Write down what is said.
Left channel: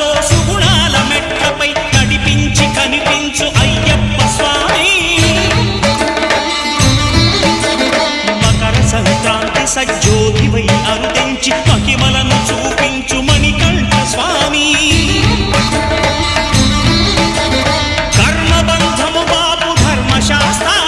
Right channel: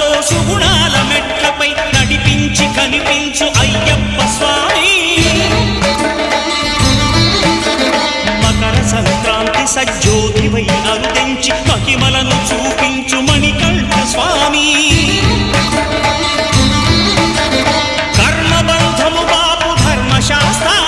సుఖాలతో సుగుణాల మెట్లపై నడిపించి కనిపించు అయ్యప్ప స్వామి. మకర సంక్రాంతి సజ్జోతివై అరుదెంచి మహిమలను చూపించు మణికంఠ స్వామి. కర్మబంధము బాపు ధర్మశాస్త్ర